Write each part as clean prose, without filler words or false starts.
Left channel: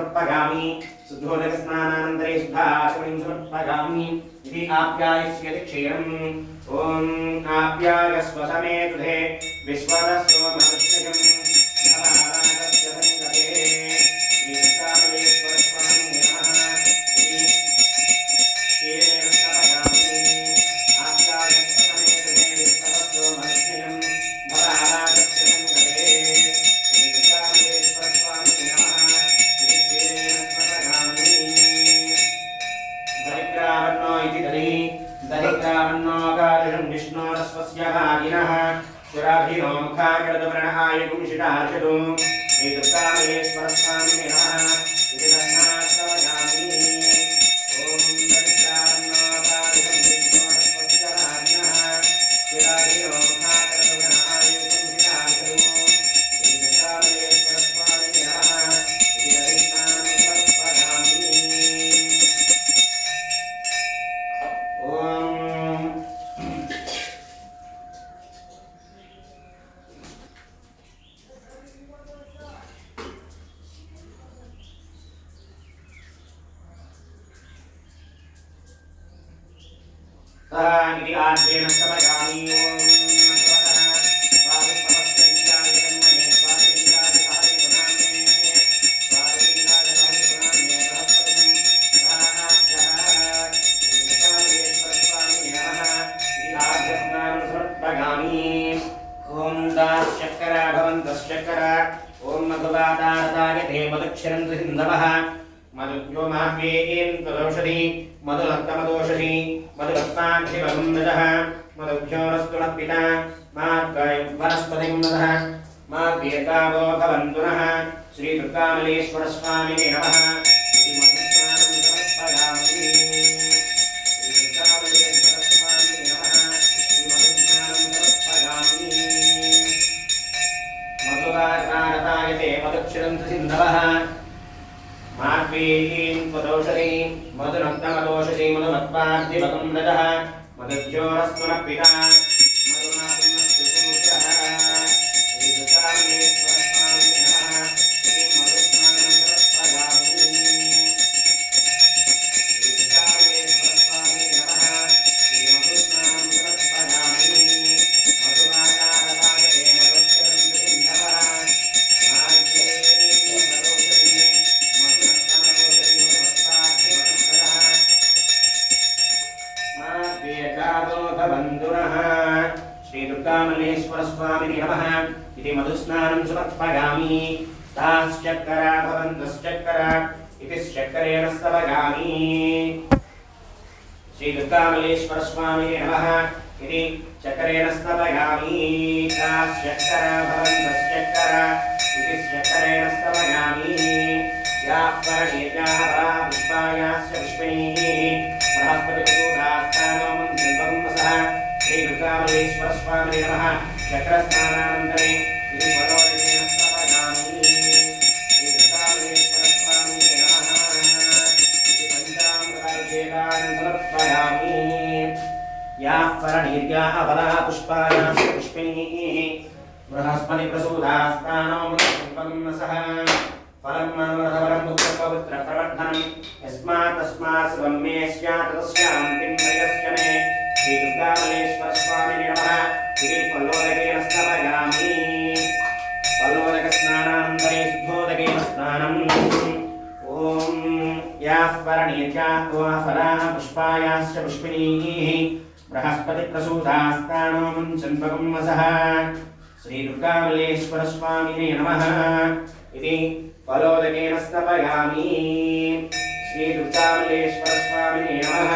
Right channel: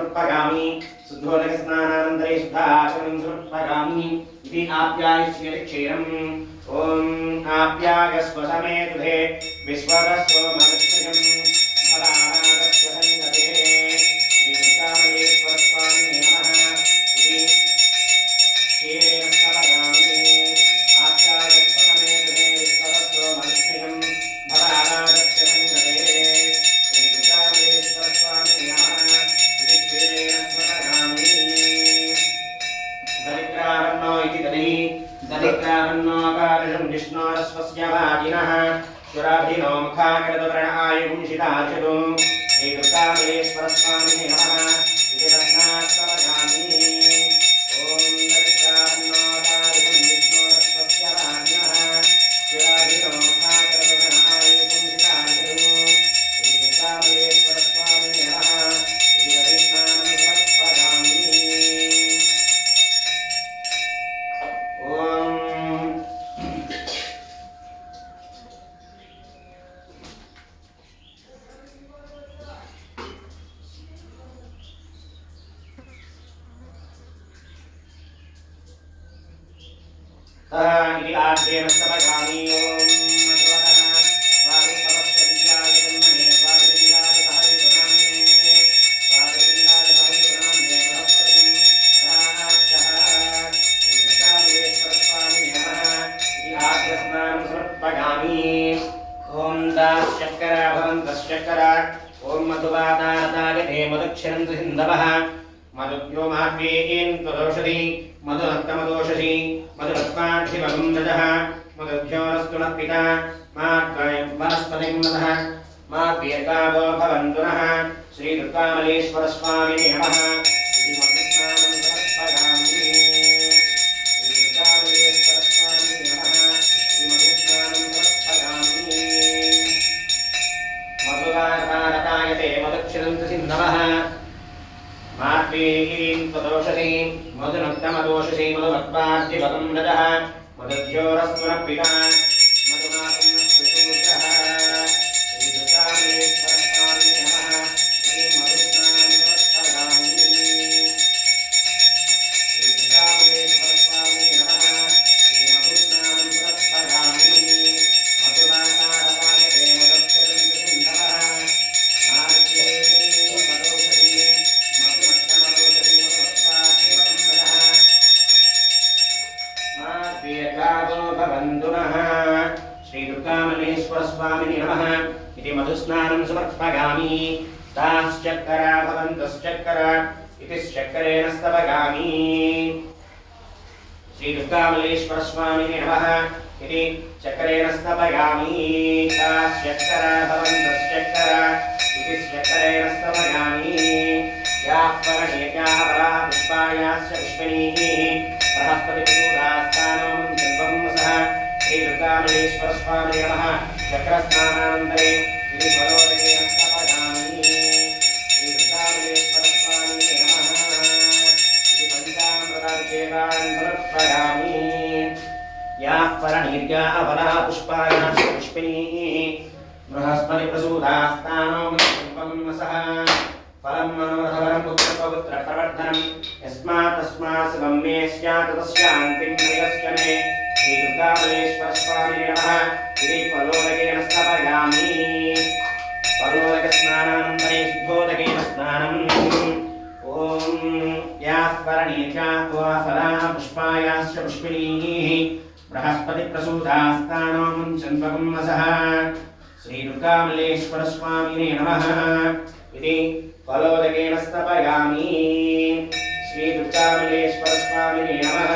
समर्पयामि शुद्धोदकस्नानानन्तरे शुद्धाचमनं समर्पयामि इति आप्यायस्यति क्षीरम् ॐ आप्यायस्व समेतुधे विश्वतस्व मनुष्यम् भवानागस्य सङ्गते श्रीकामलेश्वर स्वामिने नमः इति क्षीरेण स्तपयामि आप्यायस्व समेतुधे विश्वतस्व मनुष्यम् भवानागस्य सङ्गते श्रीकामलेश्वर स्वामिने नमः इति क्षीरेण स्तपयामि दरिद्रावन्नो इति दधिः दरिद्रावन्नोऽकार्यं विष्णोरस्वस्य भागिनः शुराभिनो मुखाकृतवर्णायुंशिताचतु श्रीदुर्गामलेश्वरस्वामिने नमः इति वर्णाश्रवयामि ॐ दरिद्रावन्नोऽकार्यं विष्णोरस्वस्य भागिनः शुराभिनो मुखाकृतवर्णायुंशिताचतु श्रीदुर्गामलेश्वरस्वामिने नमः इति दधिस्नानं समर्पयामि इति आद्येन स्तपयामि ॐ भगवतः स्वामित्वपश्चविद्याय जन्मने स्वादिन्द्राय सहवितुनाम्ने स्वादिन्द्राय सहवितुनाम्ने बृहस्पतिं सहाज्यः श्रीकामलेश्वरस्वामिने नमः इति आद्यस्नानं समर्पयामि ॐ दाश्चक्करा भवन्तश्चक्करा ॐ मधुवातारतायते मधुक्षरन्तु हिन्दवः मधुभ्यो माह्वेयेन त्वदौषधि मधुरक्तमदोषधि मधुरत्नाधिपगुन्दजः मधुभ्योरस्तु नः पिता मा वनस्पतिं नमः मा पीतावो भवन्तु नः श्रीदुर्गामलेश्वरस्वामिने नमः इति मधुस्नानं समर्पयामि श्रीदुर्गामलेश्वरस्वामिने नमः इति मधुस्नानं समर्पयामि मधुवातारतायते मधुक्षरन्तु सिन्धवः मात्वेयीं त्वदौषधि मधुनक्तमदोषधि मधुमत्पाद्यवतं रजः मधुभ्योरस्तु नः पिता मधुमातुं नस्तु सूत्रः श्रीदुर्गामलेश्वरस्वामिने नमः इति मधुस्नानं समर्पयामि श्रीदुर्गामलेश्वरस्वामिने नमः इति मधुस्नानं समर्पयामि मधुवातारतायते मधुक्षरन्तु सिन्धवः श्रीदुर्गामलेश्वरस्वामिने नमः इति मधुस्नानं समर्पयामि ताश्चक्करा भवन्तश्चक्करा इति चक्करेण स्तपयामि श्रीदुर्गामलेश्वरस्वामिने नमः इति चक्करेण स्तपयामि ताश्चक्करा भवन्तश्चक्करा इति चक्करेण स्तपयामि याः परमेत्याः परा पुष्पायाश्च पुष्पिणीः बृहस्पतिप्रसूदास्थानो मन्त्रवंसः श्रीदुर्गामलेश्वरस्वामिने नमः चक्रस्नानानन्तरे इति पदोदकेन स्तपयामि श्रीदुर्गामलेश्वरस्वामिने नमः इति पञ्चामृताभिषेकान् समर्पयामि याः परनीर्याः फलाः पुष्पायाश्च पुष्पिणीः बृहस्पतिप्रसूदास्थानो मन्त्रवंसः फलं मनोरथवरं पुत्रपवित्रप्रवर्धनं यस्मात् तस्मात् सर्वं मे स्यात् तस्यान्तिं प्रयश्च मे श्रीदुर्गामलेश्वरस्वामिने नमः इति फलोदकेन स्तपयामि फलोदकस्नानानन्तरे शुद्धोदकेन स्नानम् ॐ याः परनीर्याः फलाः पुष्पायाश्च पुष्पिणीः बृहस्पतिप्रसूदास्थानो मुञ्चन्वगुंसः श्रीदुर्गामलेश्वरस्वामिने नमः इति फलोदकेन स्तपयामि श्रीदुर्गामलेश्वरस्वामिने नमः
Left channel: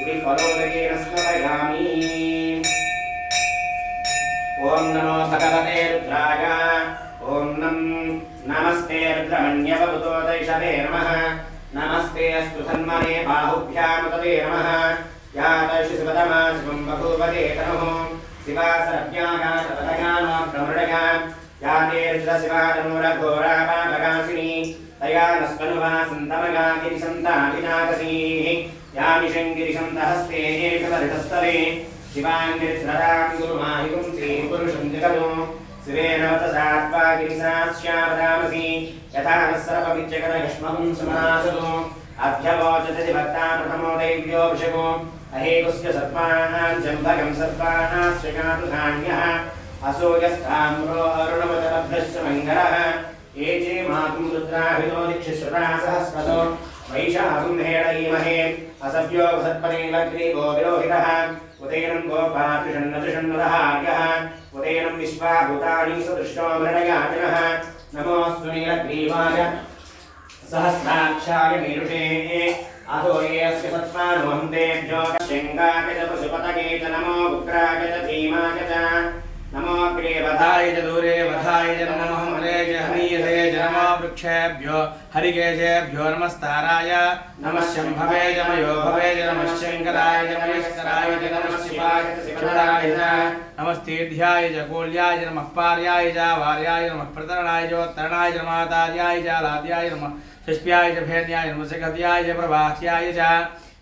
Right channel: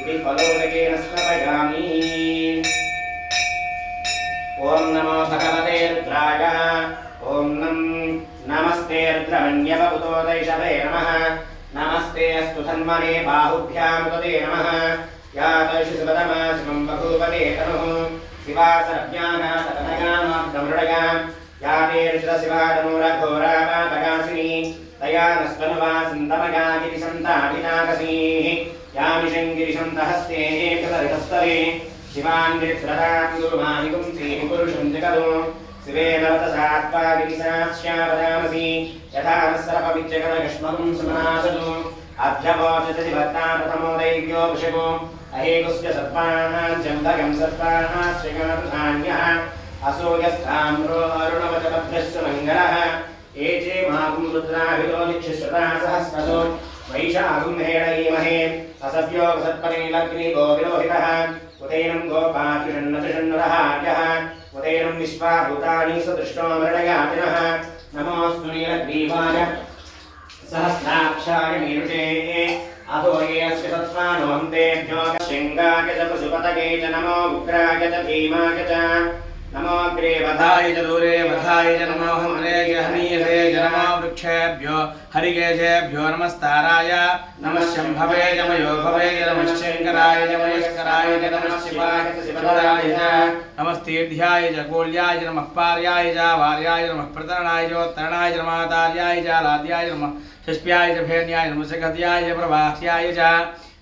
इति फलोदकेन स्तपयामि ॐ नमो भगवते रुद्राय ॐ नमस्ते रुद्रमन्यवभूतोदैषवे नमः नमस्ते अस्तु धन्मने बाहुभ्यामुदते नमः या दैशिसुपदमा शिवं बभूवगे तनुः शिवा सर्व्यागातपदगानोर्धमृडया या ते रुद्रशिवातनूरघोरापातकासिनी तया नस्पनुवासिन्तमगा गिरिसन्तादिनाकसीः या मिषङ्गिरिसन्तहस्ते एकतरितस्तरे शिवाङ्गिरिस्रदां गुरुमाहि पुंसीः पुरुषं जगतो शिवेन वतसात्वा गिरिसास्यावदामसि यथा नस्सर्पविच्यगणयुष्मगुं समासतु अध्यवोचति भक्ता प्रथमो दैव्यो वृषभो अहेकुस्य सर्पाणां जम्भगं सर्पाणास्यगातुधान्यः असूयस्ताम्रो अरुणवचपद्भ्यश्च मङ्गलः ये चे मातुं रुद्राभितो दिक्षुश्रुता सहस्रतो वैशाखं हेडयीमहे असभ्यो वसत्परेलग्रीवो विरोहितः उदैनं गोपात्युषन्नतिषन्नुरहार्यः उदैनं विश्वाभूतानि सदृष्टो मृडयातिनः नमोऽस्तु नीलग्रीवाय सहस्राक्षाय मीरुषे अधो ये अस्य सत्त्वानो हन्तेभ्यो शृङ्गाय च पशुपतये च नमो उग्राय च भीमाय च नमो अग्रे वधाय च दूरे वधाय च नमो हन्त्रे च हनीयसे च नमो वृक्षेभ्यो हरिकेशेभ्यो नमस्ताराय नमः शम्भवे च मयोभवे च नमः शङ्कराय च मयस्कराय च नमः शिवाय च शिवराय च नमस्तेभ्याय च कोल्याय च नमः पार्याय च वार्याय च नमः प्रतरणाय च उत्तरणाय च नमः तार्याय च लाद्याय च नमः षष्प्याय च भेर्याय नमः सखत्याय च प्रभास्याय च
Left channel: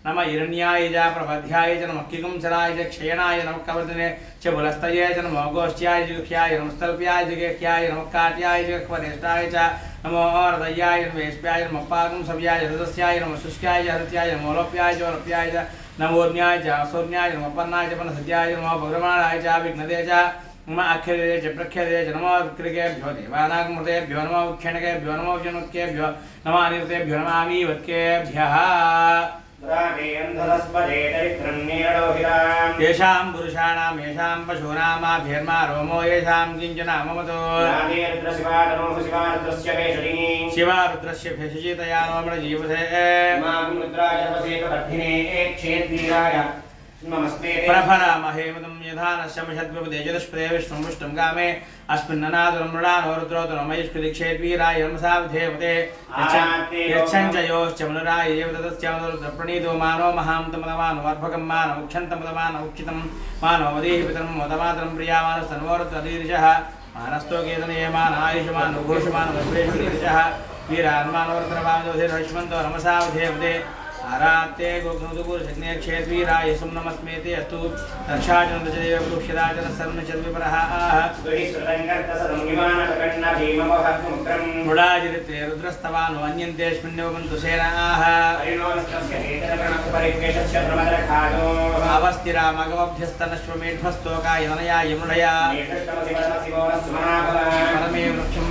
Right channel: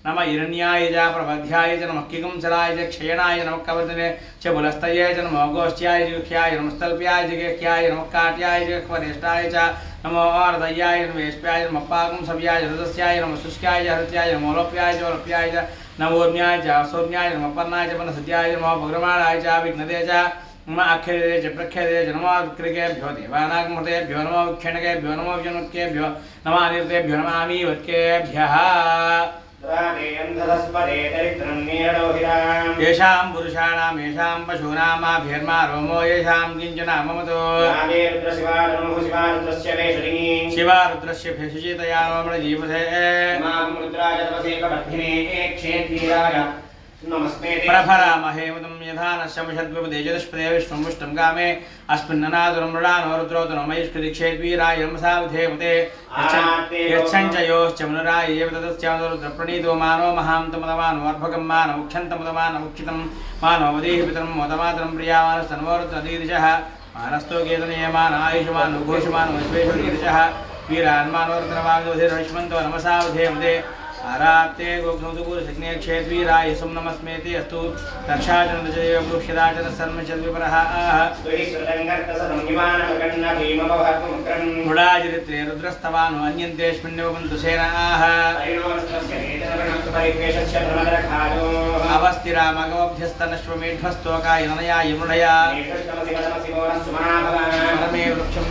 नमः हिरण्याय च प्रबध्याय च नमः किकुंसराय च क्षयणाय नमः कवर्धने च बुलस्तये च नमः गोष्ठ्याय च गुह्याय नमः स्तल्प्याय च गेह्याय नमः काट्याय च वरिष्ठाय च नमो अर्धय्याय नमः वेश्प्याय नमः पाकं सव्याय हृदस्याय नमः शुष्क्याय च हृत्याय नमः लोप्याय च वलप्याय च नमोज्ञाय च असोज्ञाय नमः पन्नाय च पन्नसत्याय च नमः भद्रमाणाय च विघ्नदे च नमः अक्षरे च प्रक्षरे च नमः विक्रिकेभ्यो देवानागमृतेभ्यो नमः विक्षणकेभ्यो नमः विजनोत्केभ्यो नमः अनिर्तेभ्यो नमः आमीवत्केभ्यः येषां पुरुषाणां येषां पशूनामाभ्यर्मा रोमो येषां किञ्चन ममतो शिवा रुद्रस्य भेषजितया मम जीवसे प्रभरामहे मुदं यथा न शमषद्विपदे जदस्पदे विष्णुमुष्टं गामे अस्मिन्ननादुरं मृडानो रुद्रोदरं मयिष्कृदिक्षेद्वीराय नमसावधेवते यच्छञ्च योश्च मनुराय एव ततश्चामरुद्रप्रणीतो मानो महान्तमदमानो अर्भकं मानो उक्षन्तमदमानमुक्षितं मानो मदीः पितरं मोदमातरं प्रियामानस्तन्वोरुद्रदीर्षः मानस्तो केतनयमान आयुष्मान घोषमान वैश्वेश्वरीर्षः वीरान्मानोर्धनवादोधिर्विष्मन्तो नमसावधेवते आरात्ते गोग्धमुदुपुरशग्ने क्षेद्वीराय सुं नमस्मेति अस्तु रक्षाचन्द्रचदेव गुक्षिराचन सर्वचद्विपरः आह मुडाजिरित्रे रुद्रस्तवानो अन्यन्तेऽस्मिन्नेवन्तु सेनाः अवस्थिरामगमभ्यस्तनश्वमेढ्मस्तोकाय ननयाय मुडया परमे वृक्षं